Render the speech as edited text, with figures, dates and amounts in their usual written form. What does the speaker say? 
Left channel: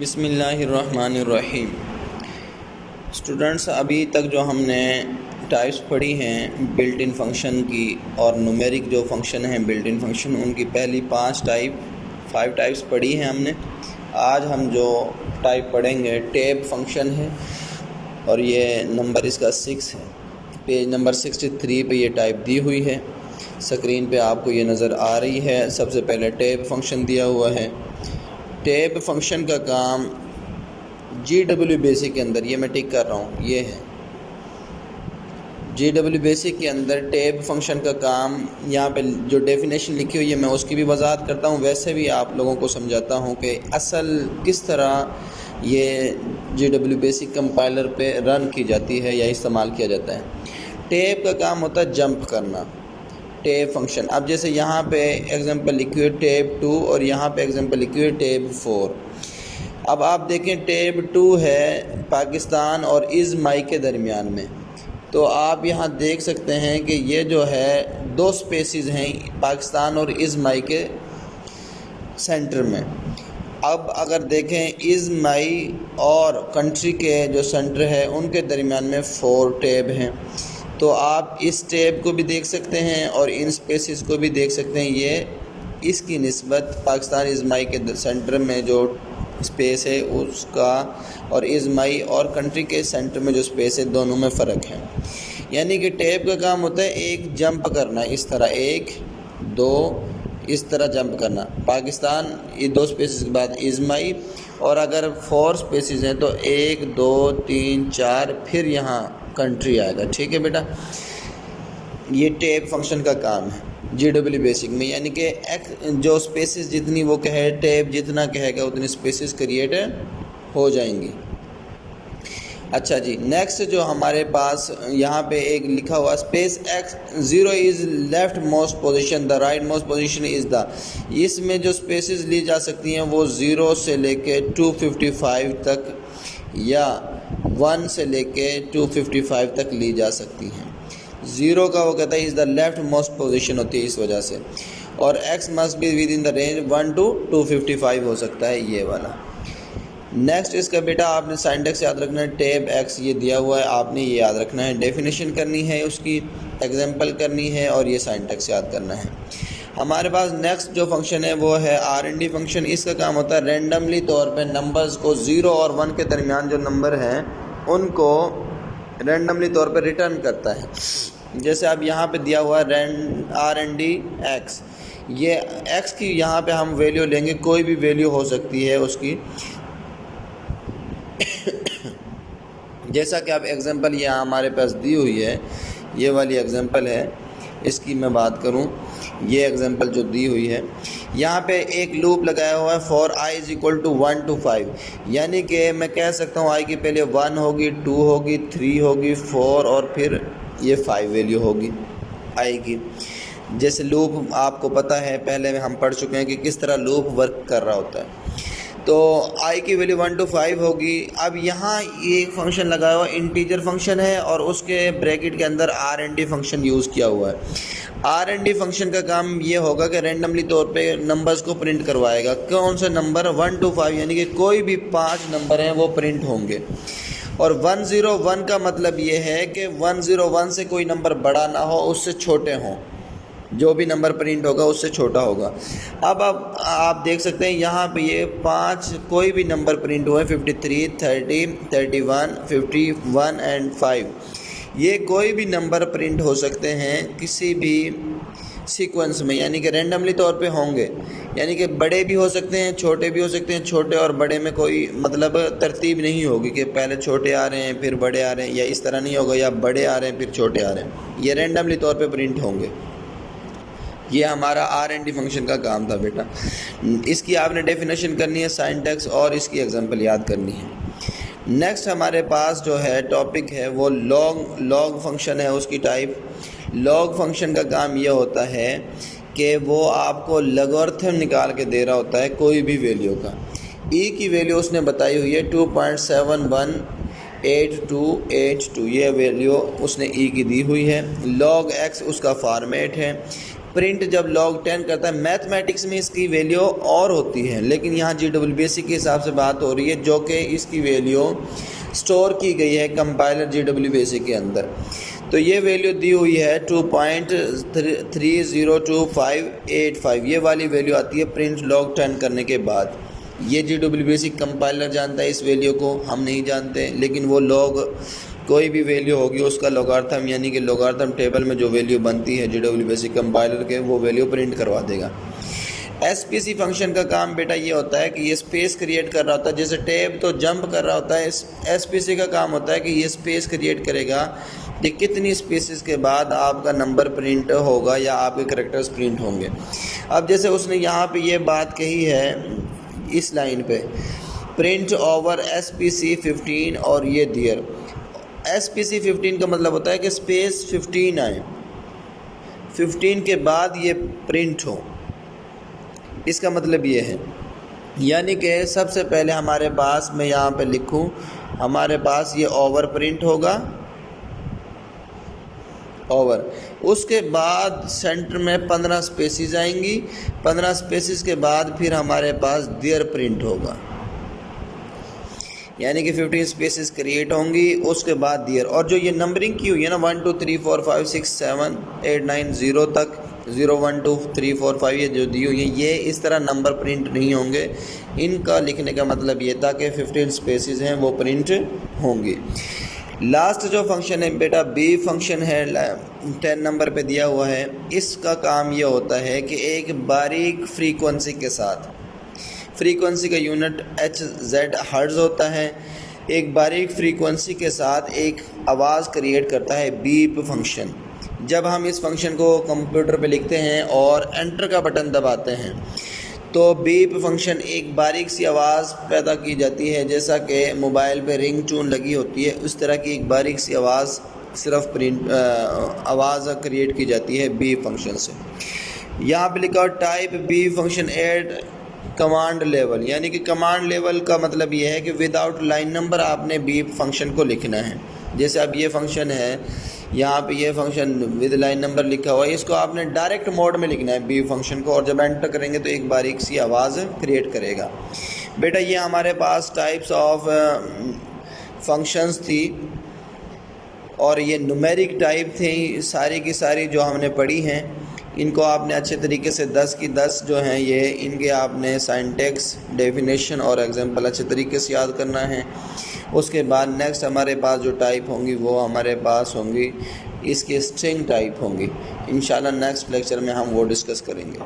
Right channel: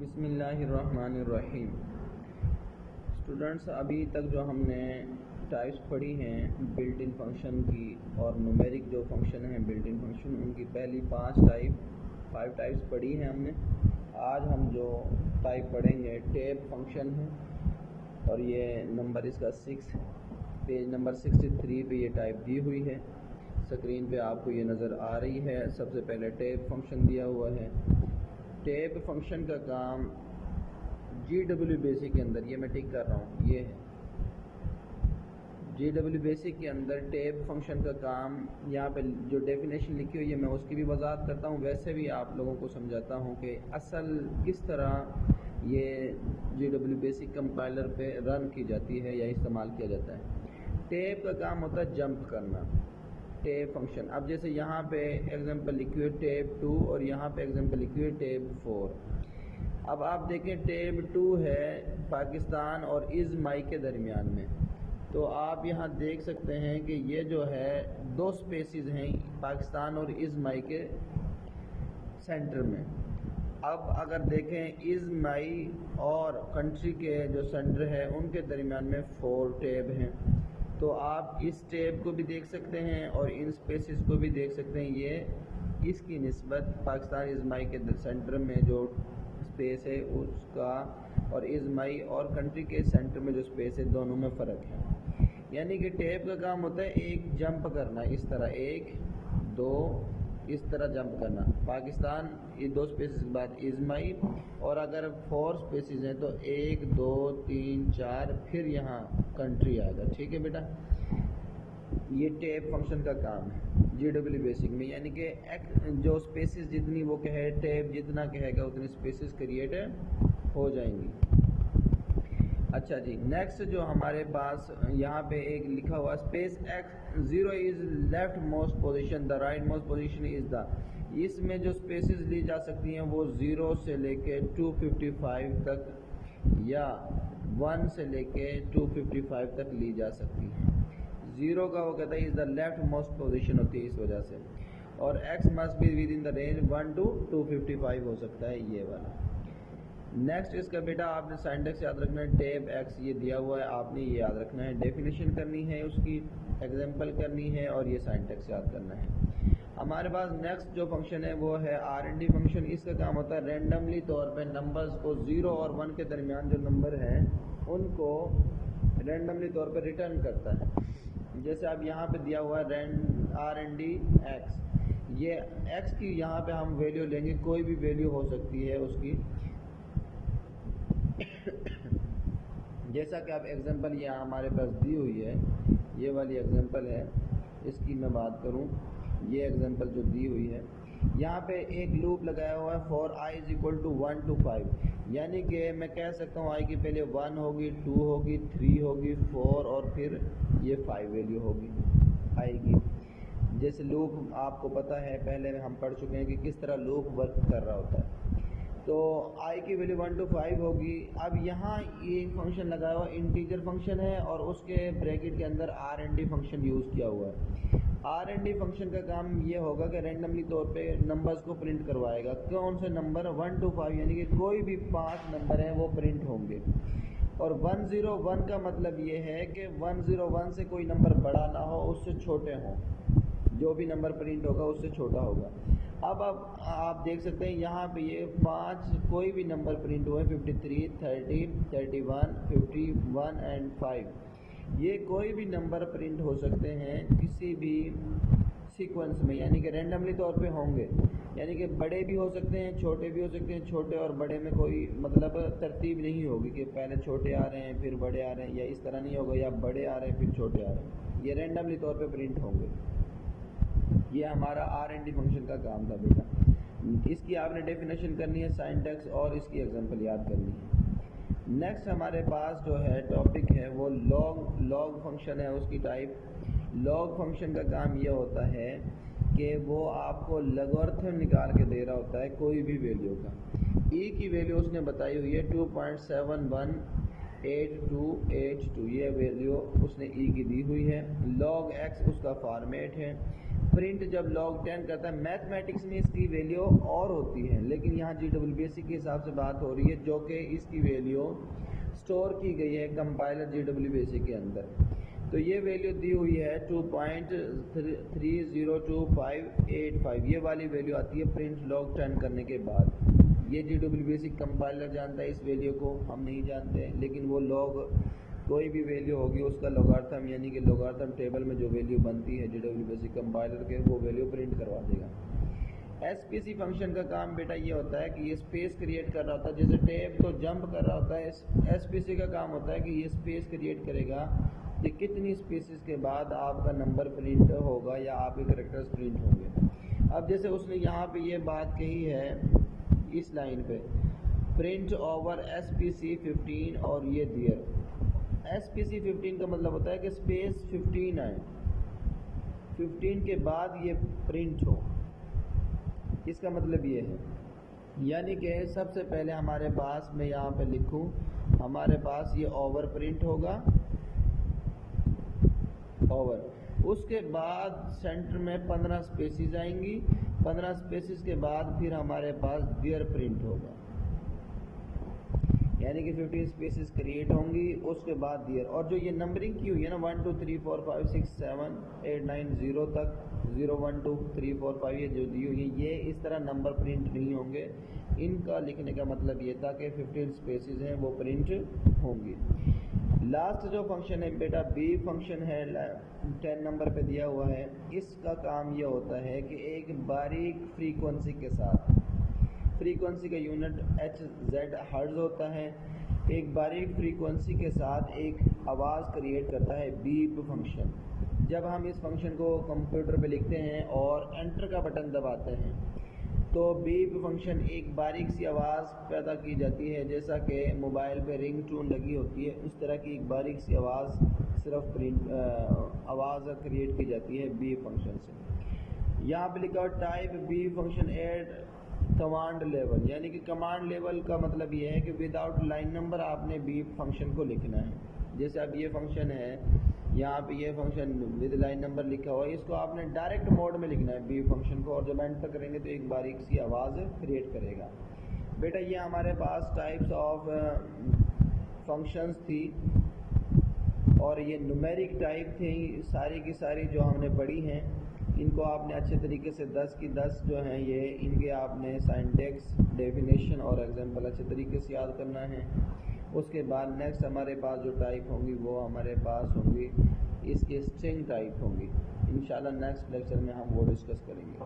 बिस्मिल्लाहिर्रहमानिर्रहीम। स्टूडेंट्स, अभी तक जो हमने टाइप्स पढ़ी हैं बिल्ट इन फंक्शन की और न्यूमेरिक जो फंक्शन हैं बिल्ट इन फंक्शन, उनकी पहली 5 टाइप्स पढ़ी हैं हमने। आज हम जो टाइप पढ़ेंगे टैब फंक्शन है और ये नंबर इसका 6 है। पेज नंबर 63 पे ये टाइप दी हुई है। स्क्रीन पे आपको ये नज़र आ रही है। सबसे पहले टैब फंक्शन दिया हुआ है। टैब फंक्शन का काम GW बेसिक के अंदर, ये मैं टिक कर रहा हूँ, ये है GW बेसिक के अंदर टैब फंक्शन का काम। यहाँ पे जो डेफिनेशन लिखी हुई है मैं उसकी भी वजाहत करता हूँ, वैसे भी आप लोगों को समझाता हूँ कि असल किस तरह ये GW बेसिक कंपाइलर पे रन की जाती है या इस्तेमाल किया जाता है। टैब का काम होता है जंप करना, टैब फंक्शन। अब जैसे यहाँ पे एग्जांपल लिखी हुई है टैब 2 और यहाँ पे एग्जांपल लिखी हुई है टैब 4। अब आप देखें टैब 2 है पाकिस्तान और इज़माई के दरमियान में, तो आप यहाँ देख सकते हैं कि ये जो है 2 स्पेसिस हैं पाकिस्तान और इज़माई के सेंटर में। अब अगर देखें इज़माई और कंट्री के जो सेंटर है उनके दरमियान में 4 टैब हैं। तो आप इस टैब को भी देख सकते हैं और इन स्पेसिस को भी देख सकते हैं। ये इसकी निस्बत पाकिस्तान इज़माई के सेंटर में जो स्पेस है उसका और इज़माई और कंट्री के सेंटर में जो स्पेस है दोनों में फ़र्क है। यानी कि टैब का काम होता है एक जंप करना, इस तरह 1 2 इस तरह जंप करना। पाकिस्तान ये 2 स्पेसिस के बाद इज़माई, और अगर 4 स्पेसिस हैं तो 1 2 3 4 फिर यहाँ कंट्री आएगा। ठीक है बेटा, ये टैब फंक्शन का काम है GW बेसिक में। यानी कि जो स्पेसिस जितनी वो कहे, टैब जितना कहेगा उतनी स्पेसिस क्रिएट हो जाएंगी। अच्छा जी, नेक्स्ट जो हमारे पास यहाँ पे एक लिखा हुआ space x 0 is left most position, the right most position is the. इसमें जो स्पेसिस ली जा सकती हैं वो 0 से लेके 255 तक या 1 से लेके 255 तक ली जा सकती हैं। 0 का वो कहता है is the left most position होती है इस वजह से, और x must be with in the range 1 to 255 हो सकता है ये वाला। नेक्स्ट इसका बेटा आपने सिंटैक्स याद रखना है। टैब x ये दिया हुआ है, आपने ये याद रखना है, डेफिनेशन करनी है, उसकी एग्जांपल करनी है और ये सिंटैक्स याद करना है। हमारे पास नेक्स्ट जो फंक्शन है वो है RND फंक्शन। इसका काम होता है रेंडमली तौर पे नंबर्स को 0 और 1 के दरमियान जो नंबर हैं उनको रेंडमली तौर पे रिटर्न करता है। जैसे अब यहाँ पे दिया हुआ है RND x, ये x की यहाँ पे हम वैल्यू लेंगे, कोई भी वैल्यू हो सकती है उसकी। जैसा कि आप एग्जांपल यहाँ हमारे पास दी हुई है, ये वाली एग्जांपल है, इसकी मैं बात करूँ, ये एग्जांपल जो दी हुई है यहाँ पे एक लूप लगाया हुआ है for i is equal to 1 to 5। यानी कि मैं कह सकता हूँ i की पहले 1 होगी, 2 होगी, 3 होगी, 4 और फिर ये 5 वैल्यू होगी i की। जैसे लूप आपको पता है, पहले हम पढ़ चुके हैं कि किस तरह लूप वर्क कर रहा होता है। तो i की वैल्यू 1 to 5 होगी। अब यहाँ ये फंक्शन लगाया हुआ इंटीजर फंक्शन है और उसके ब्रैकेट के अंदर RND फंक्शन यूज़ किया हुआ है। RND फंक्शन का काम ये होगा कि रेंडमली तौर पे नंबर्स को प्रिंट करवाएगा। कौन से नंबर? 1 to 5, यानी कि कोई भी 5 नंबर हैं वो प्रिंट होंगे। और 101 का मतलब ये है कि 101 से कोई नंबर बड़ा ना हो, उससे छोटे हों, जो भी नंबर प्रिंट होगा उससे छोटा होगा। अब आप देख सकते हैं यहाँ पे ये 5 कोई भी नंबर प्रिंट हुए, 53 30 31 51 एंड 5। ये कोई भी नंबर प्रिंट हो सकते हैं किसी भी सीक्वेंस में, यानी कि रेंडमली तौर पे होंगे। यानी कि बड़े भी हो सकते हैं, छोटे भी हो सकते हैं। छोटे और बड़े में कोई मतलब तरतीब नहीं होगी कि पहले छोटे आ रहे हैं फिर बड़े आ रहे हैं, या इस तरह नहीं होगा, या बड़े आ रहे हैं फिर छोटे आ रहे हैं। ये रेंडमली तौर पे प्रिंट होंगे। ये हमारा RND फंक्शन का काम था बेटा। इसकी आपने डेफिनेशन करनी है, सिंटैक्स और इसकी एग्जांपल याद करनी है। नेक्स्ट हमारे पास जो है टॉपिक है वो लॉग फंक्शन है। उसकी टाइप लॉग फंक्शन का काम ये होता है कि वो आपको लॉगरिथम निकाल के दे रहा होता है कोई भी वैल्यू का। e की वैल्यू उसने बताई हुई है 2.718282, ये वैल्यू उसने e की दी हुई है। log x उसका फॉर्मेट है, प्रिंट जब log 10 करता है, मैथमेटिक्स में इसकी वैल्यू और होती है, लेकिन यहाँ GWBC के हिसाब से बात हो रही है जो कि इसकी वैल्यू स्टोर की गई है कंपाइलर GWBC के अंदर। तो ये वैल्यू दी हुई है 2.302585, ये वाली वैल्यू आती है प्रिंट log 10 करने के बाद। ये GWBC कंपाइलर जानता है इस वैल्यू को, हम नहीं जानते, लेकिन वो log कोई भी वैल्यू होगी उसका लॉगरिथम यानी कि लॉगरिथम टेबल में जो वैल्यू बनती है GWBC कंपाइलर के, वो वैल्यू प्रिंट करवा देगा। SPC फंक्शन का काम बेटा ये होता है कि ये स्पेस क्रिएट कर रहा होता है, जैसे टैब तो जंप कर रहा होता है, SPC का काम होता है कि ये स्पेस क्रिएट करेगा कि कितनी स्पेसिस के बाद आपका नंबर प्रिंट होगा या आपके कैरेक्टर्स प्रिंट होंगे। अब जैसे उसने यहाँ पे ये बात कही है इस लाइन पे, प्रिंट ओवर SPC 15 और ये दियर। SPC 15 का मतलब होता है कि स्पेस 15 आए, 15 के बाद ये प्रिंट हो, इसका मतलब ये है। यानी कि सबसे पहले हमारे पास, मैं यहाँ पे लिखूँ, हमारे पास ये ओवर प्रिंट होगा, ओवर, उसके बाद सेंटर में 15 स्पेसिस आएंगी, 15 स्पेसिस के बाद फिर हमारे पास देयर प्रिंट होगा, यानी कि 15 स्पेसिस क्रिएट होंगी, उसके बाद दियर। और जो ये नंबरिंग की हुई है ना 1 2 3 4 5 6 7 8 9 0 तक, 0 1 2 3 4 5 ये जो दी हुई है, ये इस तरह नंबर प्रिंट नहीं होंगे। इनका लिखने का मतलब ये था कि 15 स्पेसिस हैं वो प्रिंट होंगी। लास्ट जो फंक्शन है बेटा बी फंक्शन है, 10 नंबर पे दिया हुआ है। इसका काम ये होता है कि एक बारीक फ्रीक्वेंसी के साथ, फ्रीक्वेंसी का यूनिट HZ हर्ट्ज़ होता है, एक बारीक फ्रीक्वेंसी के साथ एक आवाज़ क्रिएट करता है बीप फंक्शन। जब हम इस फंक्शन को कंप्यूटर पे लिखते हैं और एंटर का बटन दबाते हैं तो बीप फंक्शन एक बारीक सी आवाज़ पैदा की जाती है, जैसा कि मोबाइल पे रिंग टून लगी होती है उस तरह की एक बारीक सी आवाज़ सिर्फ आवाज़ क्रिएट की जाती है बीप फंक्शन से। यहाँ पे लिखा type beep function at command level, यानी कि कमांड लेवल का मतलब ये है कि विदाउट लाइन नंबर आपने बीप फंक्शन को लिखना है। जैसे अब ये फंक्शन है, यहाँ पे ये फंक्शन विद लाइन नंबर लिखा हुआ है, इसको आपने डायरेक्ट मोड में लिखना है बीप फंक्शन को, और जब एंटर करेंगे तो एक बारीक सी आवाज़ क्रिएट करेगा। बेटा ये हमारे पास टाइप्स ऑफ फंक्शंस थी और ये न्यूमेरिक टाइप थी सारी की सारी जो हमने पढ़ी हैं। इनको आपने अच्छे तरीके से 10 की 10 जो हैं ये, इनके आपने सिंटैक्स, डेफिनेशन और एग्जांपल अच्छे तरीके से याद करना है। उसके बाद नेक्स्ट हमारे पास जो टाइप होंगी वो हमारे पास होंगी इसकी स्ट्रिंग टाइप होंगी। इंशाल्लाह नेक्स्ट लेक्चर में हम वो डिस्कस करेंगे।